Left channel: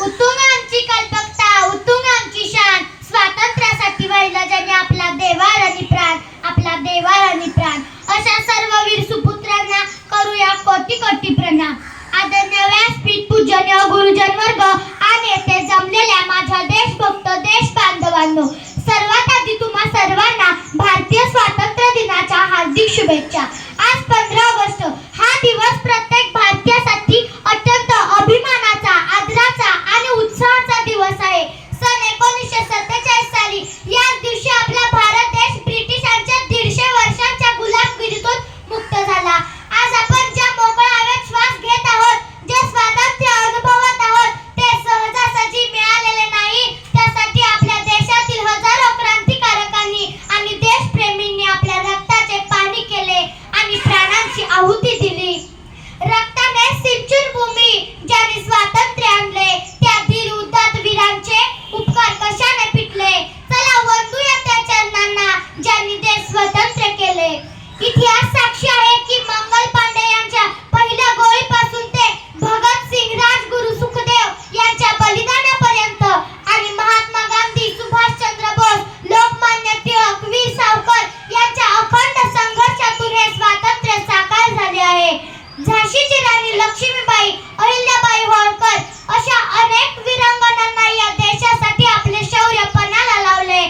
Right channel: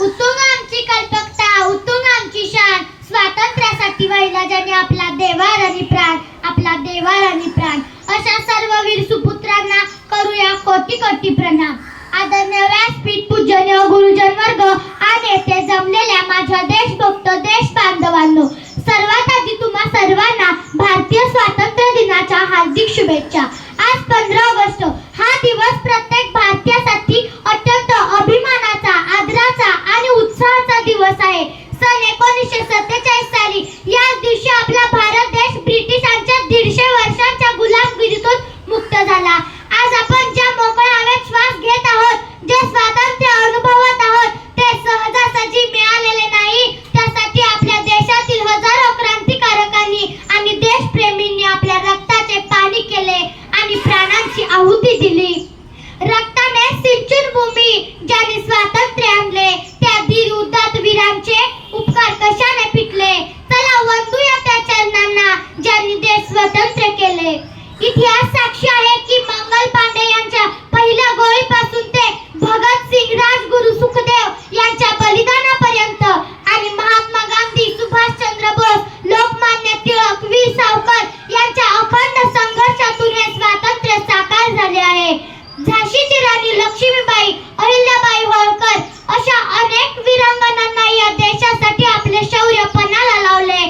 उत्तुंग आमची कल्पकता, उत्तुंग आमची शान, स्वातंत्र्यासाठी वाहिला ज्यांनी आपला देवार आणि प्राण, आपला देवार आणि प्राण. अशा सर्व वीर सुपुत्रांना करूया कोटी कोटी प्रणाम. आदरणीय व्यासपीठ, पूजनीय गुरुजन वर्ग आणि येथे जमलेल्या माझ्या देशभक्त देश बांधवांनो, सर्वात आधी तुम्हा सर्वांना भारतीय स्वातंत्र्य दिनाच्या हार्दिक शुभेच्छा. आज 15 ऑगस्ट हा दिवस प्रत्येक भारतीयासाठी अत्यंत अभिमानाचा, आदराचा आणि उत्साहाचा दिवस आहे. सन 1947 साली याच दिवशी आपला भारत देश ब्रिटिशांच्या 150 वर्षांच्या गुलामगिरीतून मुक्त झाला. आज आपण ज्या मोकळ्या हवेत श्वास घेत आहोत, जे स्वातंत्र्य अनुभवत आहोत, ते सहजासहजी मिळालेले नाही. त्यासाठी आपल्या देशातील हजारो क्रांतिकारकांनी आणि देशप्रेमींनी आपल्या रक्ताचे पाणी केले आणि प्राणांची आहुती दिली. रक्ताने सिंचून भूमी ज्यांनी स्वातंत्र्य आणले, त्या धीर उदात्त वीरांचे उपकार कशाने फिटले. चला वंदूया त्या चरणांना ज्यांनी देश स्वतंत्र केले. इतिहास साक्षी आहे की मंगल पांडे यांच्या पहिल्या गोळीपासून ते भगतसिंग, राजगुरू, सुखदेव यांच्या बलिदानापर्यंत आणि महात्मा गांधी, सुभाषचंद्र बोस, लोकमान्य टिळक, वीर सावरकर यांच्या अखंड संघर्षातून हे स्वातंत्र्य साकार झाले आहे. झाशीची राणी लक्ष्मीबाई, अहिल्याबाई होळकर अशा अनेक वीरांगनांना या देशासाठी आपले शौर्य पणाला लावले.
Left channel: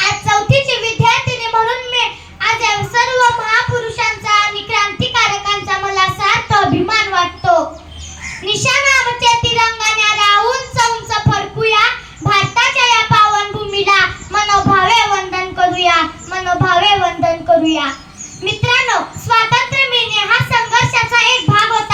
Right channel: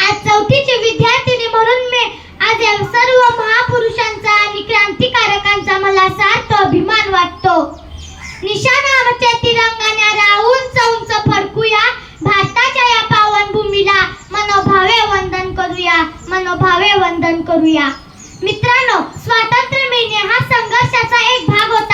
आज 4थीची विद्यार्थिनी म्हणून मी आज या सर्व महापुरुषांचा आणि क्रांतिकारकांचा मला सार्थ अभिमान वाटतो. निशाणावरच्या तिरंगाने उंच उंच फडकूया, भारताच्या या पावन भूमीला मनोभावे वंदन करूया, मनोभावे वंदन करूया. मित्रांनो, स्वातंत्र्य मिळणे हा संघर्षाचा एक भाग होता.